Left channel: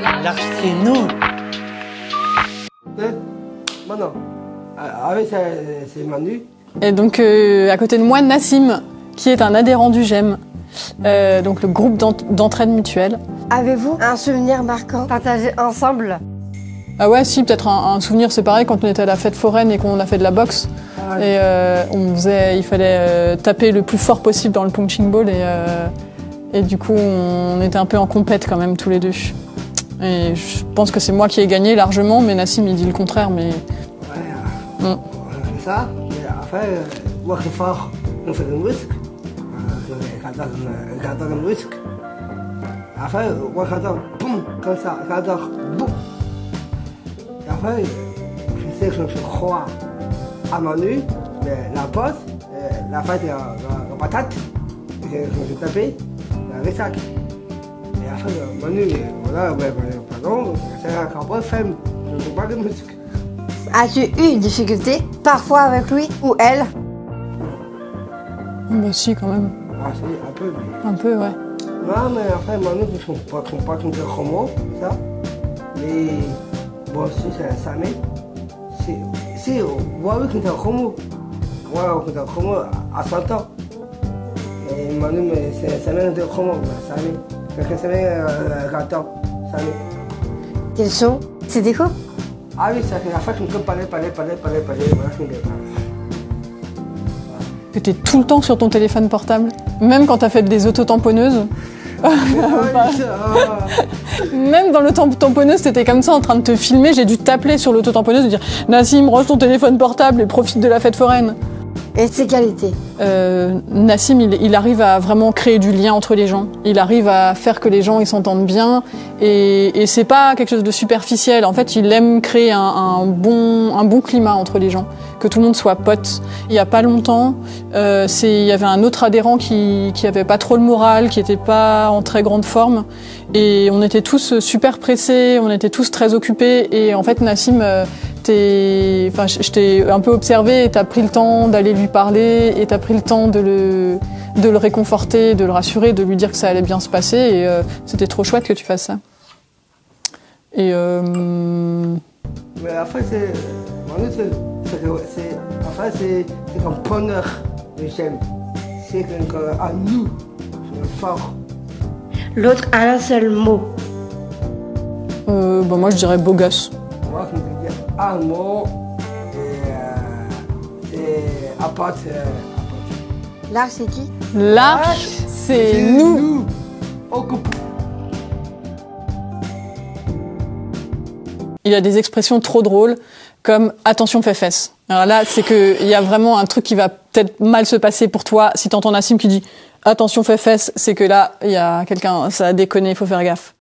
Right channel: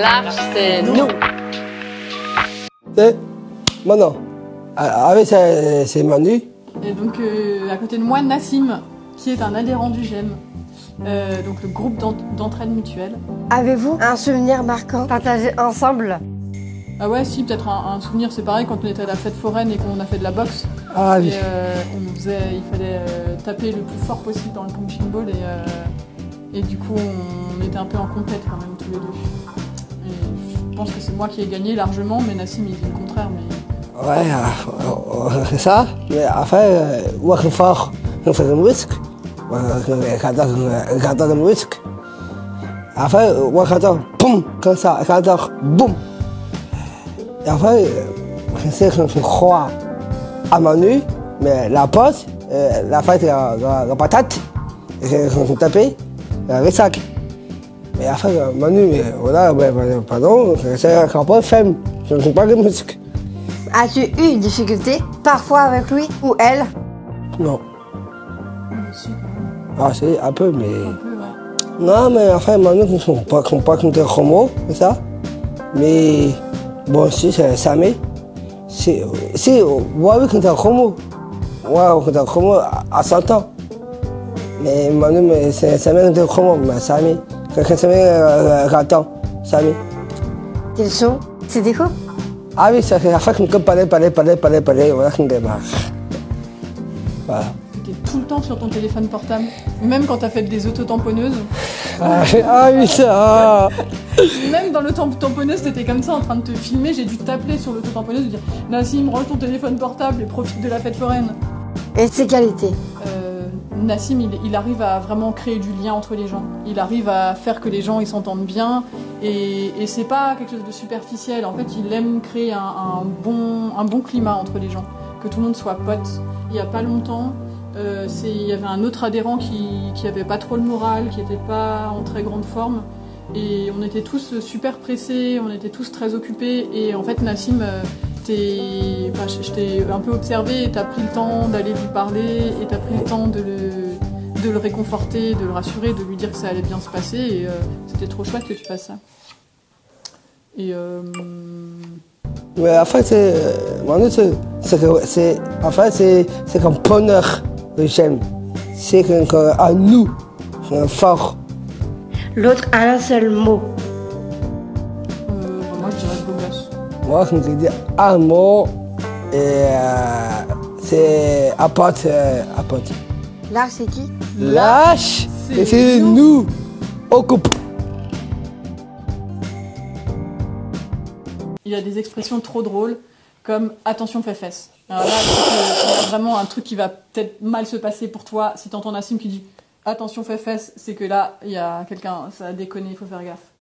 L'arche, c'est nous. Et maintenant, avec c'est Manu. Et donc, à côté de moi, Nassim, qui est un adhérent du GEM, donc le groupe d'entraide mutuelle. Avez-vous un souvenir marquant partagé ensemble? Ah ouais, si, peut-être un souvenir, c'est pareil, quand on était à la fête foraine et qu'on a fait de la boxe. Ah, Et il fallait taper le plus fort possible dans le punching ball et du coup, on était un peu en compète quand même, tous les deux. Et je pense que c'est moi qui ai gagné largement, mais Nassim, il dit le contraire, mais... Ouais, c'est ça. Mais après, on est fort, on fait un risque. On garde un risque. Après, on garde, boum, comme ça, on garde, boum. Et après, je sais que je crois à Manu, mais la pause, la fête, la patate, je tapais, le sac. Et après, Manu, voilà, pardon, c'est un peu faible, je ne sais pas de musique. As-tu eu une difficulté, parfois avec lui ou elle? Non. Bah si, quand même. Ah, c'est un peu, mais... Un peu, ouais. Non, mais enfin, Manu, je ne sais pas contre Romo, c'est ça. Mais, bon, si, c'est Samé. Si, ouais, contre Romo. Ouais, contre Romo à 100 ans. Mais Manu, c'est Samé contre Romo, mais Samé. Quelqu'un Samé, 40 ans, Samé. Quels sont ses défauts? Ah oui, c'est la fois qu'on peut parler, voilà qu'on démarre. Voilà. Que t'es tout le temps sur ton téléphone portable, même quand t'as fait des autotamponneuses. Ah oui, ça. Même dans l'autotamponneuse, t'étais comme ça en train de te filmer, j'ai dû t'appeler sur l'autotamponneuse et dire « Nassim, range ton téléphone portable et profite de la fête foraine ». Et ses qualités? Nassim, il arrive à vraiment créer du lien entre les gens. Il arrive à faire que les gens ils s'entendent bien. Et c'est pas quelque chose de superficiel. En fait, il aime créer un bon climat entre les gens. Que tout le monde soit pote. Il y a pas longtemps, il y avait un autre adhérent qui avait pas trop le moral, qui était pas en très grande forme. Et on était tous super pressés, on était tous très occupés. Et en fait, Nassim... je t'ai un peu observé et t'as pris le temps d'aller lui parler et t'as pris le temps de le réconforter, de le rassurer, de lui dire que ça allait bien se passer et c'était trop chouette que tu fasses ça. Et Mais en fait, c'est comme bonheur que j'aime. C'est qu'à nous, c'est fort. L'autre a un seul mot. moi je dirais beau gosse. Moi, je me dis un mot, et c'est apporte. L'arche, c'est qui? L'arche, c'est nous. Occupe. Il y a des expressions trop drôles, comme « attention fesse ». Alors là, c'est qu'il y a vraiment un truc qui va peut-être mal se passer pour toi. Si t'entends Nassim qui dit « attention fesse », c'est que là, il y a quelqu'un, ça a déconné, il faut faire gaffe.